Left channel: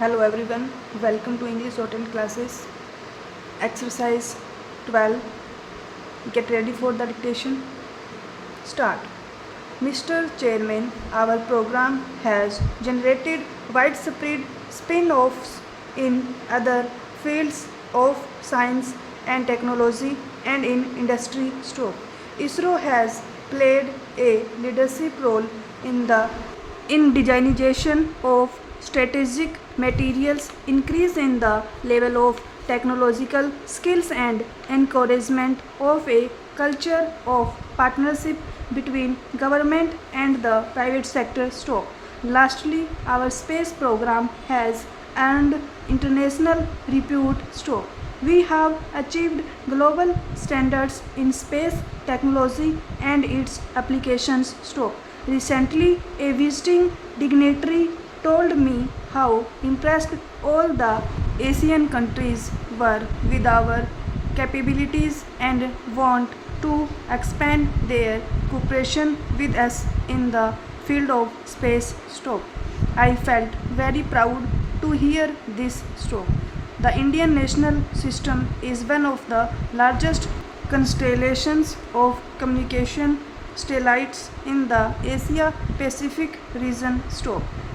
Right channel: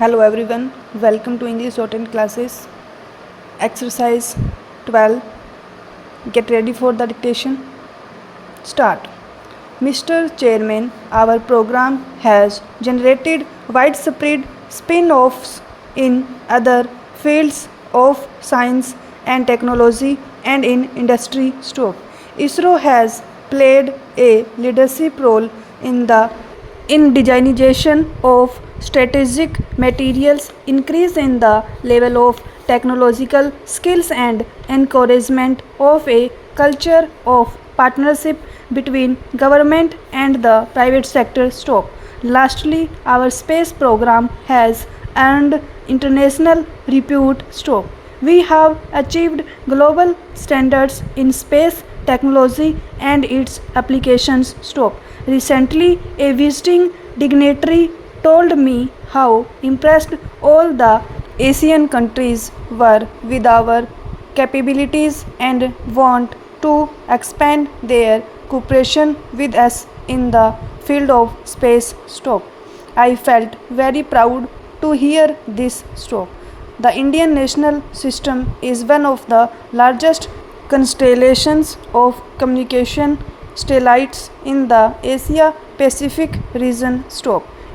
Hello everyone, welcome to English Shorthand classes. Exercise 12. Get ready for the dictation. Start. Mr. Chairman, our program has generated widespread spin offs in other fields of science and technology and in industry. ISRO has played a leadership role in the indigenization of strategic materials, increase in the level of technological skills and encouragement of a culture of partnership between government and the private sector. Lastly, our space program has earned international repute. We have achieved global standards in space technology and its applications. Recently, a visiting dignitary told me how impressed all the Asian countries were with our capabilities and want to expand their cooperation with us in the field of space. I felt very proud to hear this. The Indian national system is one of the largest constellations of communication satellites in the Asia Pacific region.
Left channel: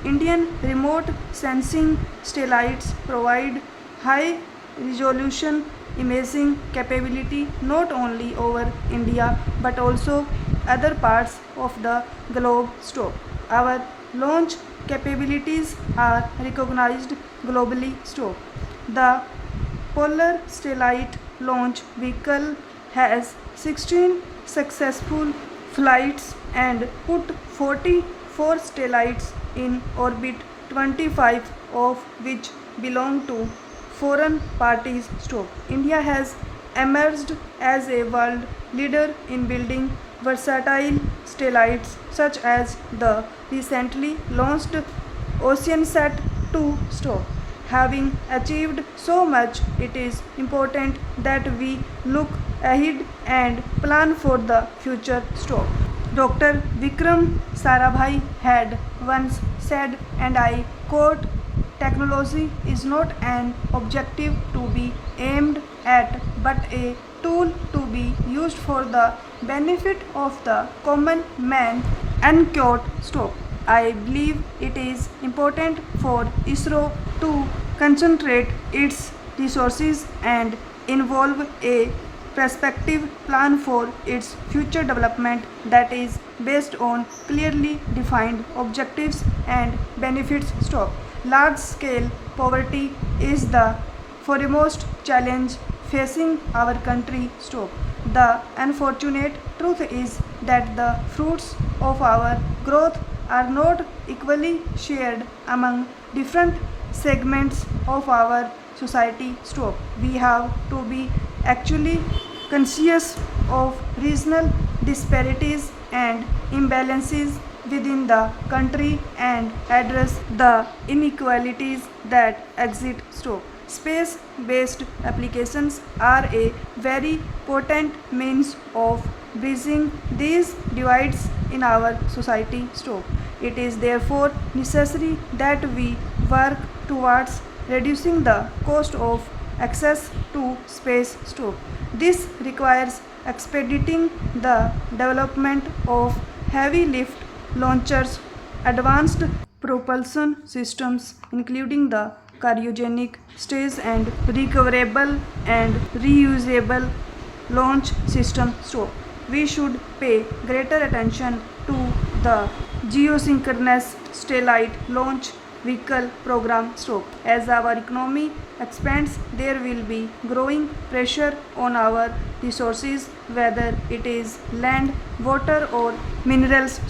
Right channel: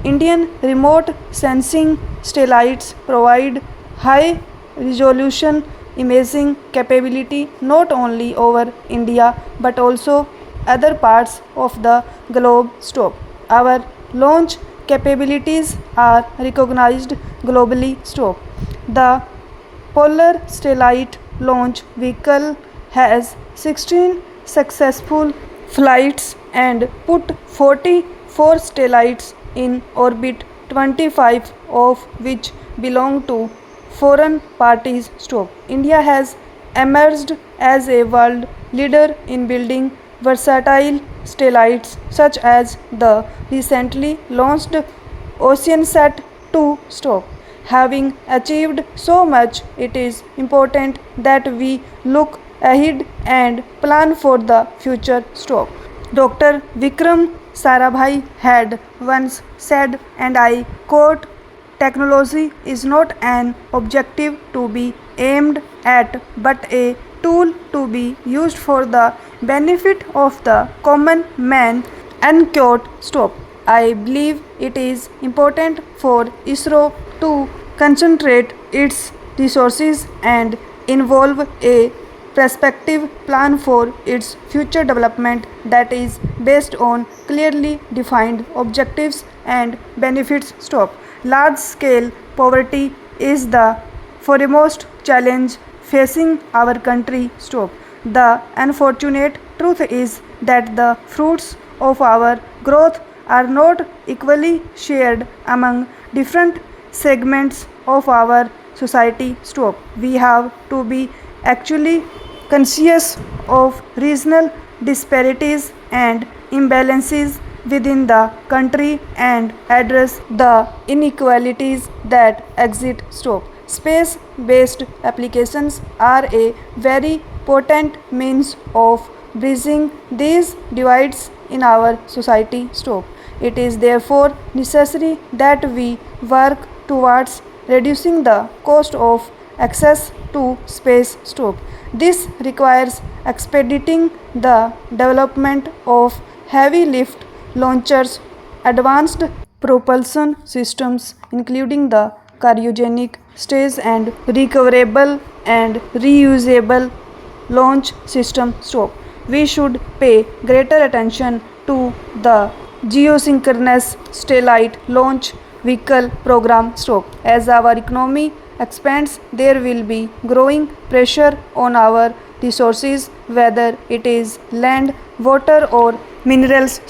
Indian remote sensing satellites provide high resolution imaging capability not only over India but also other parts of the globe. Our launch capabilities are recognized globally. The Polar Satellite Launch Vehicle has 16 successful flights and put 44 satellites in orbit, 25 of which belong to foreign parties. India has emerged as a world leader in building versatile satellites such as the recently launched OceanSat 2. Having achieved so much, it is important that we look ahead and plan for the future. Dr. Vikram Sarabhai had once said, and I quote, "Technology is not an objective to be aimed at, but a tool to be used for the benefit of the common man." Unquote. I believe it is important for ISRO to concentrate its resources and involve a prospective plan for its future development that is based on clearly defined objectives and benefits. Large scale poverty is the foremost challenge facing our country. The unfortunate truth is that the fruits of our growth are not equally shared among different segments of our society. We have to be actually conscious of regional disparities and imbalances within the country and address the inequalities that exist. Space based applications are a very potent means of bridging these divides in our society. It is therefore necessary that we work towards reducing the cost of access to space. This requires expediting the development of heavy lift launchers, advanced propulsion systems including the cryogenic stage and recoverable and reusable launch system. We should pay greater attention to the geosynchronous satellite launch vehicle program. As our economy expands, there will be growing pressure on our resources, whether it is land, water, or minerals.